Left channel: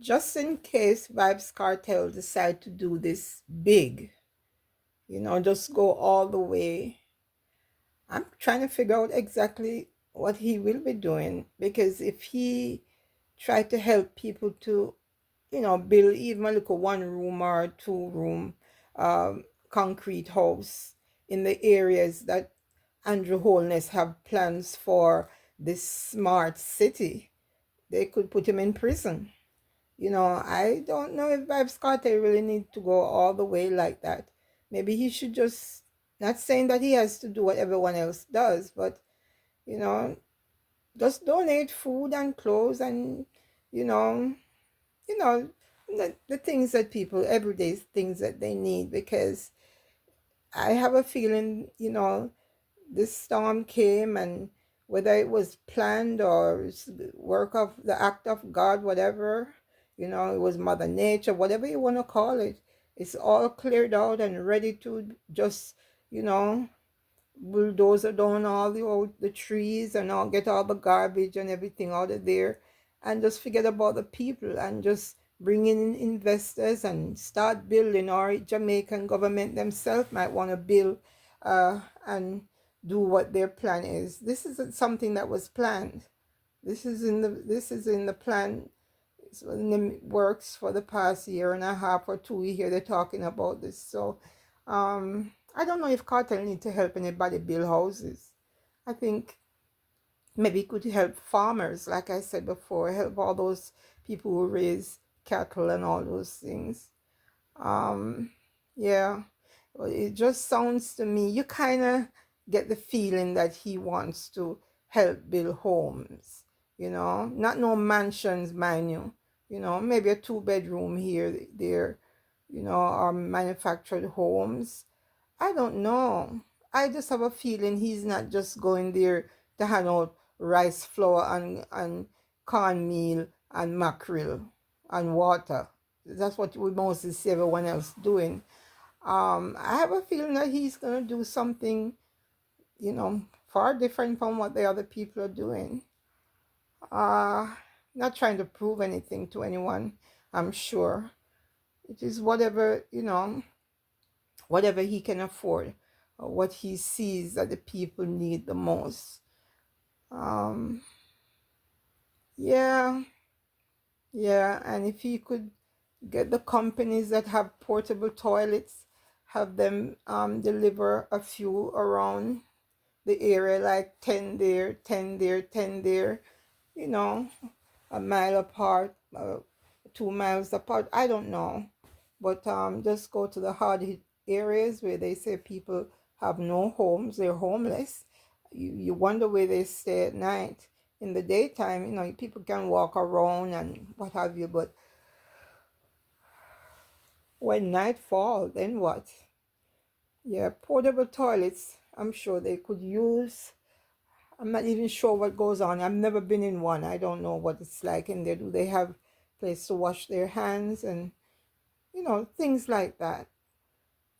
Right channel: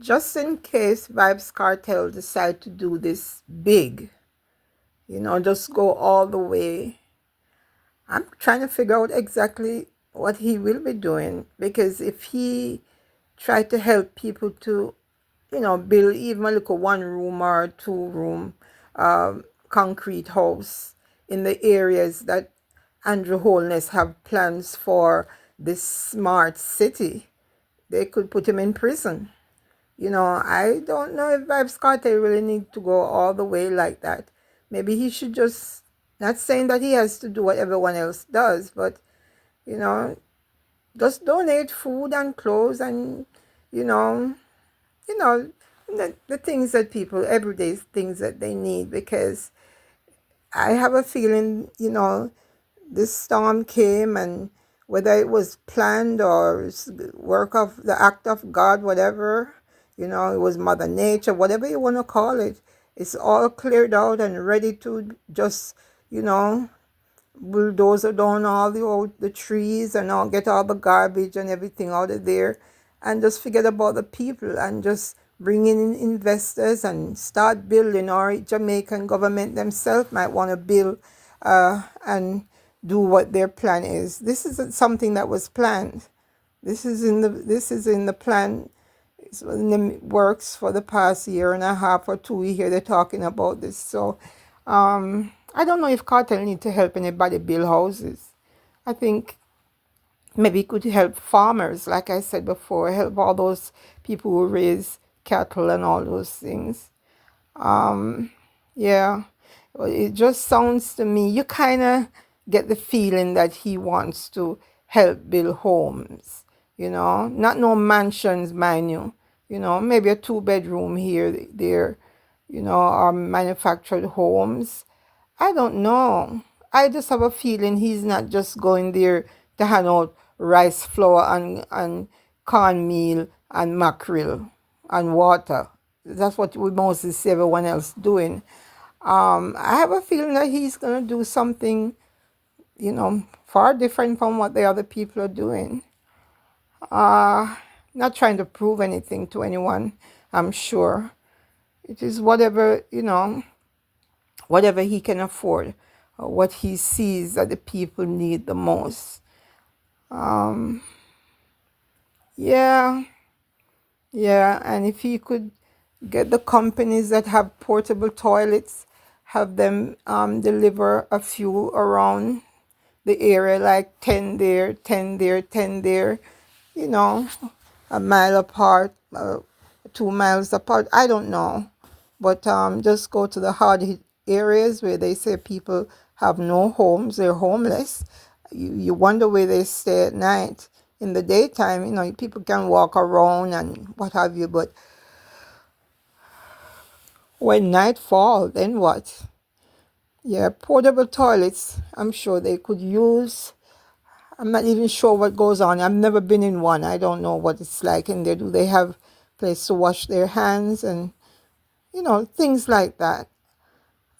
just in case Vibes Cartel decide to do this big, just go all the way. I'm trying to figure out exactly what he will be doing, because if he tried to help people to, build even a little 1 room or 2 room concrete house in the areas that Andrew Holness have plans for this smart city, they could put him in prison. I don't know if Vibes Cartel really need to go all the way like that. Maybe he should just, not saying that he has to do what everyone else does, but, you know, just donate food and clothes and, you know, you know, the things that people, everyday things that they need, because I have a feeling, this storm came, and whether it was planned or work of the act of God, whatever, it was Mother Nature, whatever you want to call it, it's all cleared out and ready to just, you know, bulldozer down all the trees and all, get all the garbage and everything out of there, and just forget about the people and just bring in investors and start building. Or Jamaican government themselves might want to build and do what their plan is. This isn't something that was planned. This is in the plan. It's in the works for the past year and a half or two. We hear they're talking about this. So I don't know if cartel need to help anybody build houses. I think maybe it could help farmers, like I said before, help all those people who raise cattle and all those things. Um, yeah, well, it just sounds to me, you kind of get the feeling that he wants to help build homes, not no mansions, mind you, maybe a 2 bedroom here, there, or manufactured homes. I don't know. I just have a feeling he's not just going there to hand out rice flour and cornmeal and mackerel and water. That's what we mostly see everyone else doing. I have a feeling that he's going to do something, far different from what the other people are doing. Uh, Not trying to prove anything to anyone, I'm sure. It is whatever he can afford, what he sees that the people need the most. Um, yeah, yeah, and if he could get the companies that have portable toilets, have them deliver a few around the area, like 10 there, 10 there, 10 there, you know, a mile apart, 2 miles apart. I don't know. But just go to the hard hit areas where they say people have no homes, they're homeless. You wonder where they stay at night. In the daytime, people can walk around and what have you, but when night fall, then what? Yeah, portable toilets, I'm sure they could use. I'm not even sure what goes on. I've never been in one. I don't know what it's like in there. Do they have place to wash their hands and things like that?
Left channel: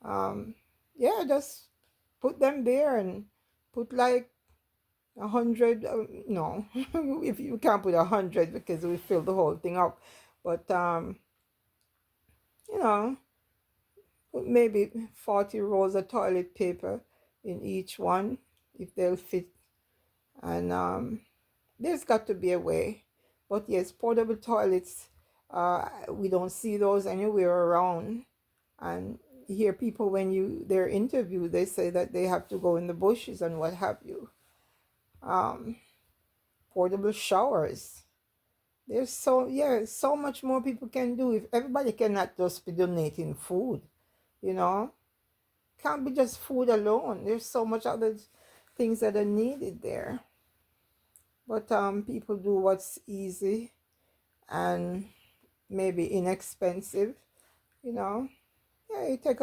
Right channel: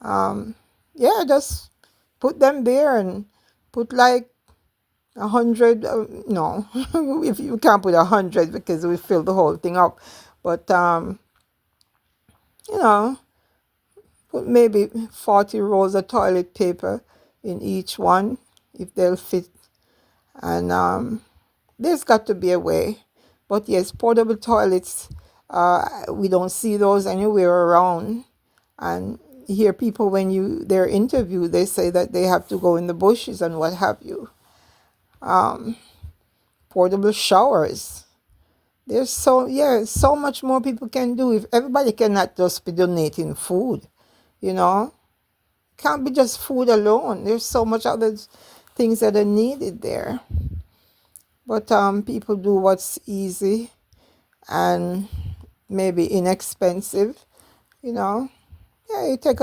Um, yeah, just put them there and put like 100. No, if you can't put 100 because we fill the whole thing up. But you know, put maybe 40 rolls of toilet paper in each one if they'll fit. And there's got to be a way. But yes, portable toilets, we don't see those anywhere around. And hear people when they're interviewed, they say that they have to go in the bushes and what have you. Um, Portable showers. There's so much more people can do. If everybody cannot just be donating food, you know, can't be just food alone. There's so much other things that are needed there. But people do what's easy and maybe inexpensive, you know. Yeah, you take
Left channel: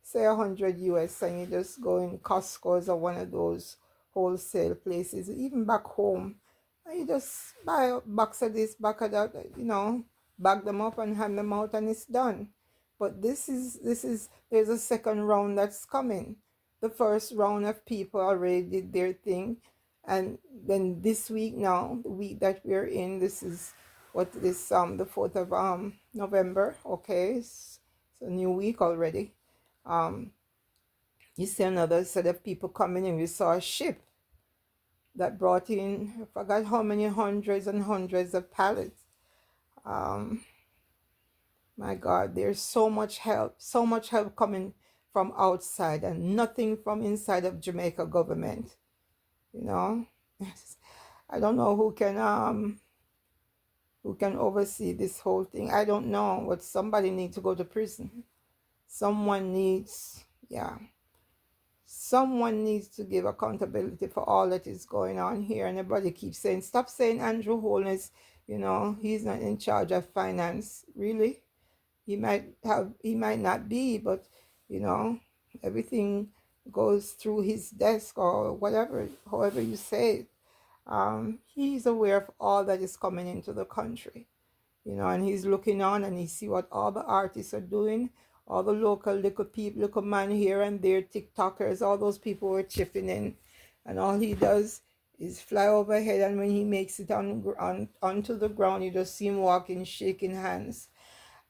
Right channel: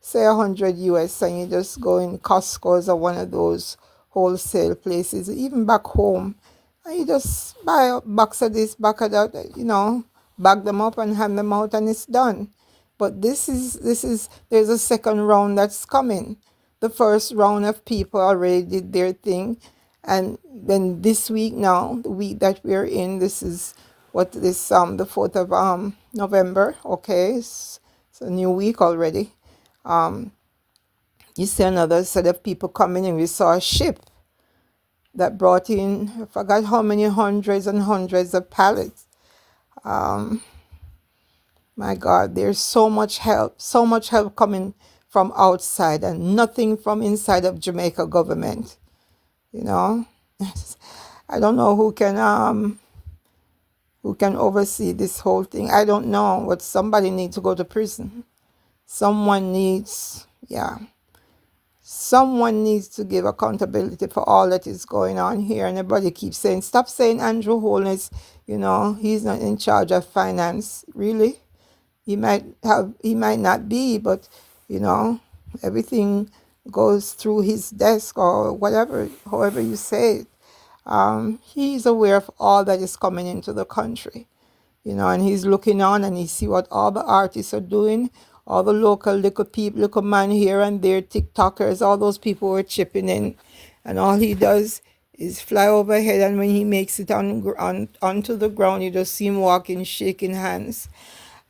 say 100 US and you just go in Costco's or one of those wholesale places, even back home, and you just buy a box of this, box of that, bag them up and hand them out, and it's done. But there's a second round that's coming. The first round of people already did their thing, and then this week now, the week that we're in, this is what this the 4th of November. Okay, it's a new week already. Um, you see another set of people coming in. We saw a ship that brought in, I forgot how many hundreds and hundreds of pallets. Um, my God, there's so much help coming from outside and nothing from inside of Jamaica government. You know, I don't know who can oversee this whole thing. I don't know, but somebody needs to go to prison. Someone needs, yeah, someone needs to give accountability for all that is going on here. And everybody keeps saying, stop saying Andrew Holness, he's not in charge of finance. Really? He might not be, but you know, everything goes through his desk or whatever, however you say it. He's aware of all that is coming into the country, and he's looking on and he see what all the artists are doing, all the local little people, little man here and there, TikTokers, all those people were chipping in, and all he does is fly overhead, and when he makes it onto the ground, you just see him walking, shaking hands.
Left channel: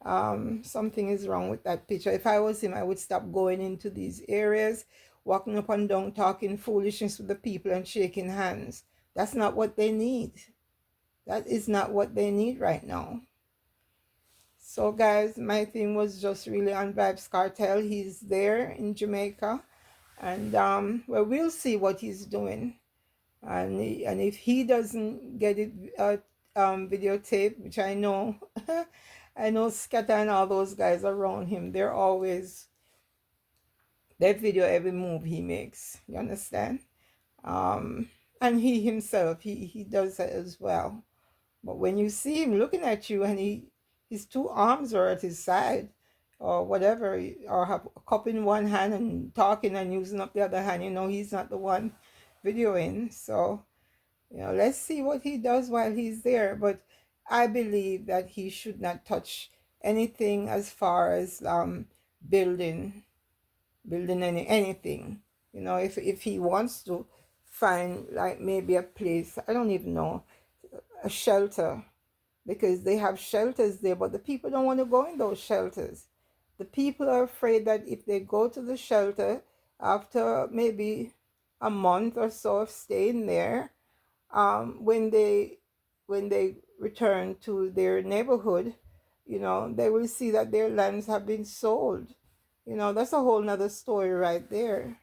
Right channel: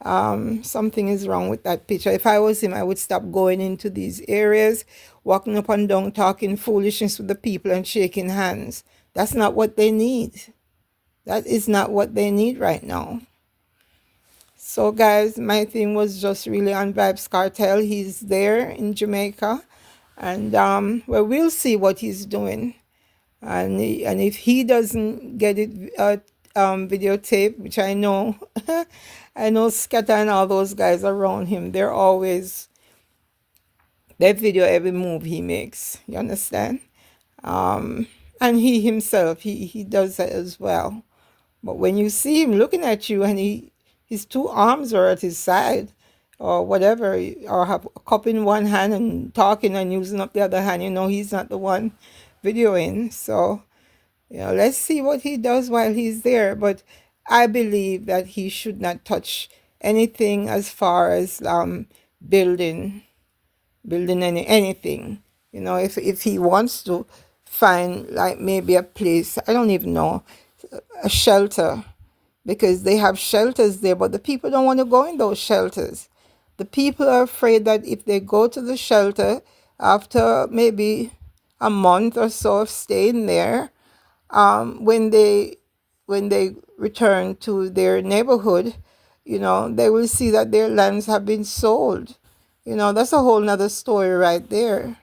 Something is wrong with that picture. If I was him, I would stop going into these areas, walking up and down, talking foolishness with the people and shaking hands. That's not what they need. That is not what they need right now. So, guys, my thing was just really on Vybz Kartel. He's there in Jamaica, and well, we'll see what he's doing. And if he doesn't get it videotape, which I know, I know Scatter and all those guys around him, they video every move he makes. You understand? And he himself, he does that as well. But when you see him looking at you and his two arms are at his side or whatever, or have a cup in one hand and talking and using up the other hand, he's not the one videoing. So, let's see what he does while he's there. But I believe that he should not touch anything as far as building anything. If he wants to find like maybe a place, I don't even know, a shelter, because they have shelters there, but the people don't want to go in those shelters. The people are afraid that if they go to the shelter after maybe a month or so of staying there, when they return to their neighborhood, they will see that their lands have been sold. That's a whole nother story right there.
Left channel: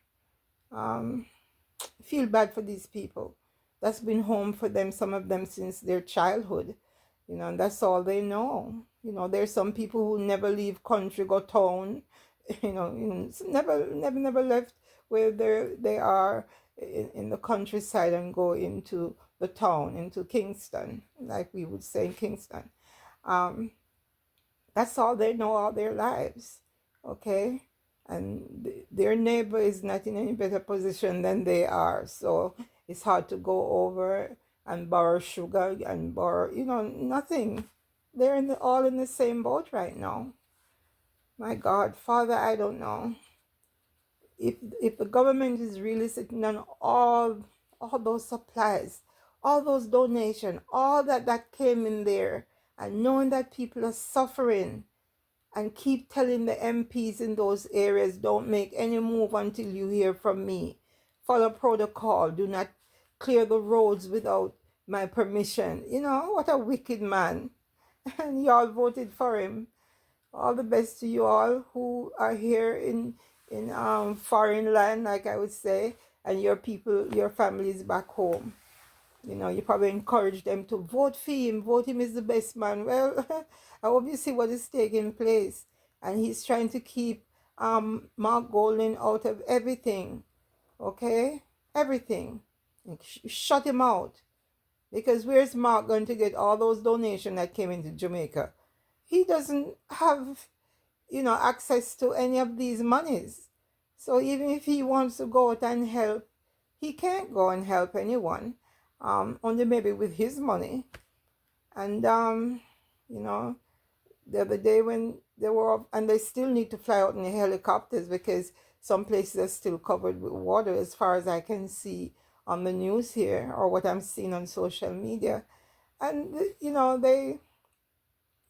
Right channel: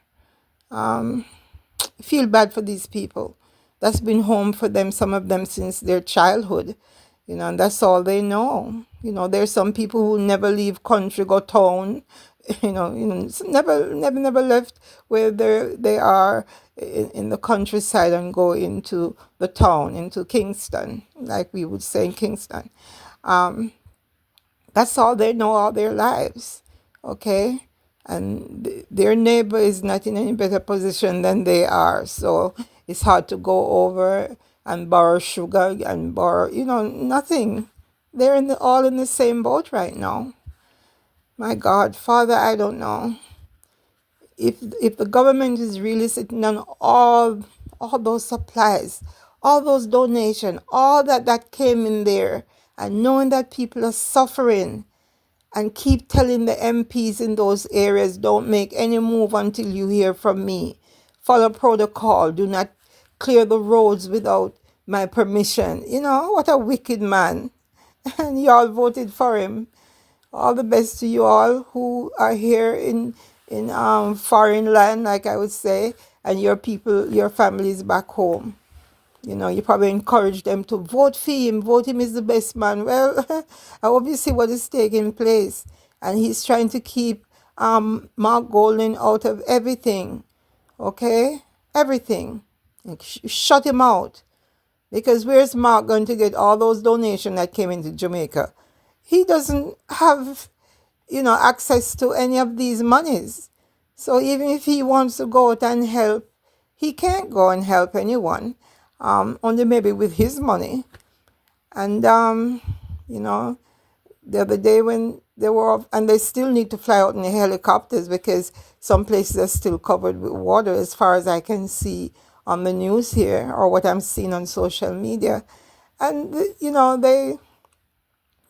Feel bad for these people. That's been home for them, some of them since their childhood, and that's all they know. There's some people who never leave country, go town, never left where they are in the countryside and go into the town, into Kingston, like we would say in Kingston. That's all they know all their lives, okay? And their neighbor is not in any better position than they are. So it's hard to go over and borrow sugar and borrow, nothing. They're all in the same boat right now. My God, Father, I don't know. If the government is really sitting on all those supplies, all those donations, all that came in there, and knowing that people are suffering, and keep telling the MPs in those areas, don't make any move until you hear from me. Follow protocol. Do not clear the roads without my permission. What a wicked man. And y'all voted for him. All the best to you all who are here in foreign land, like I would say, and your people, your families back home. You probably encourage them to vote for him. Vote him is the best man. Well, I hope you see what is taking place. And he's trying to keep Mark Golding out of everything. Okay? Everything. Shut him out. Because where's Mark going to get all those donations that came into Jamaica? He doesn't have, access to any of these monies. So even if he wants to go out and help, he can't go and help anyone. Only maybe with his money. And, the other day when they were, and they still need to fly out in the helicopters because some places are still covered with water as far as I can see on the news here or what I'm seeing on social media. And,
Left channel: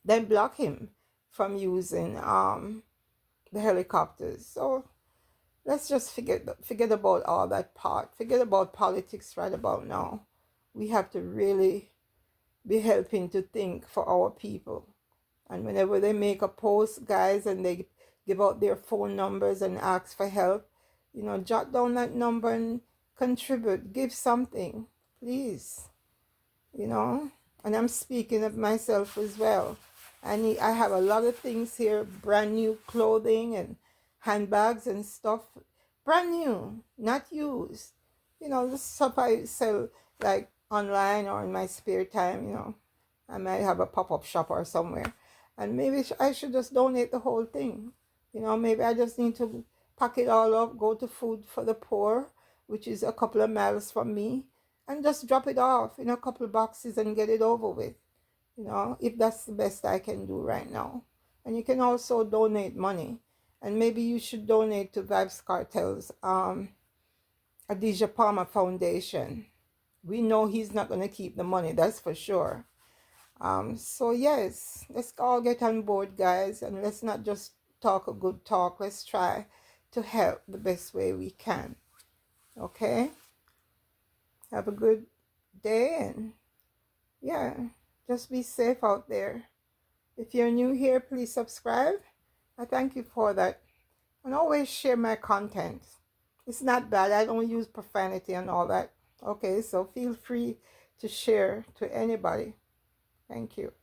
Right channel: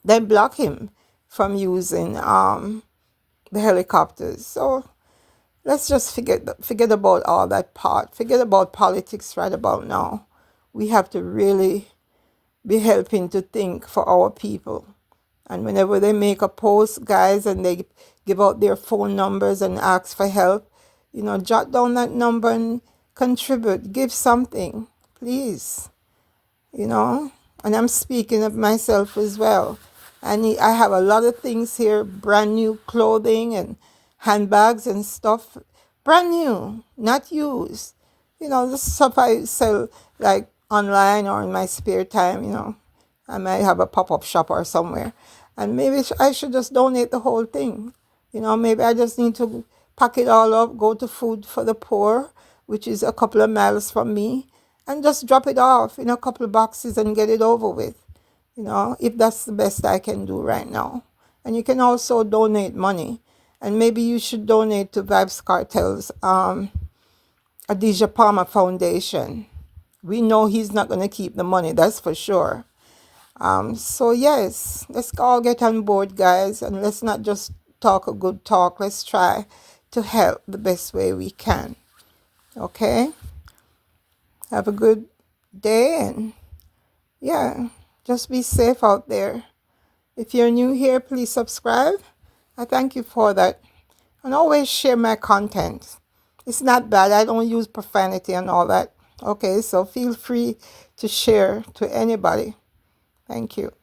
they block him from using the helicopters. So let's just forget about all that part. Forget about politics right about now. We have to really be helping to think for our people. And whenever they make a post, guys, and they give out their phone numbers and ask for help, jot down that number and contribute. Give something, please. And I'm speaking of myself as well. I have a lot of things here, brand new clothing and handbags and stuff, brand new, not used. This stuff I sell like online or in my spare time. I might have a pop-up shop or somewhere. And maybe I should just donate the whole thing. Maybe I just need to pack it all up, go to Food for the Poor, which is a couple of miles from me, and just drop it off in a couple of boxes and get it over with, if that's the best I can do right now. And you can also donate money. And maybe you should donate to Vybz Cartel's Adidja Palmer Foundation. We know he's not going to keep the money, that's for sure. So yes, let's all get on board, guys, and let's not just talk a good talk. Let's try to help the best way we can. Okay? Have a good day, and yeah, just be safe out there. If you're new here, please subscribe. I thank you for that. And always share my content. It's not bad. I don't use profanity and all that. Okay, so feel free to share to anybody. Thank you.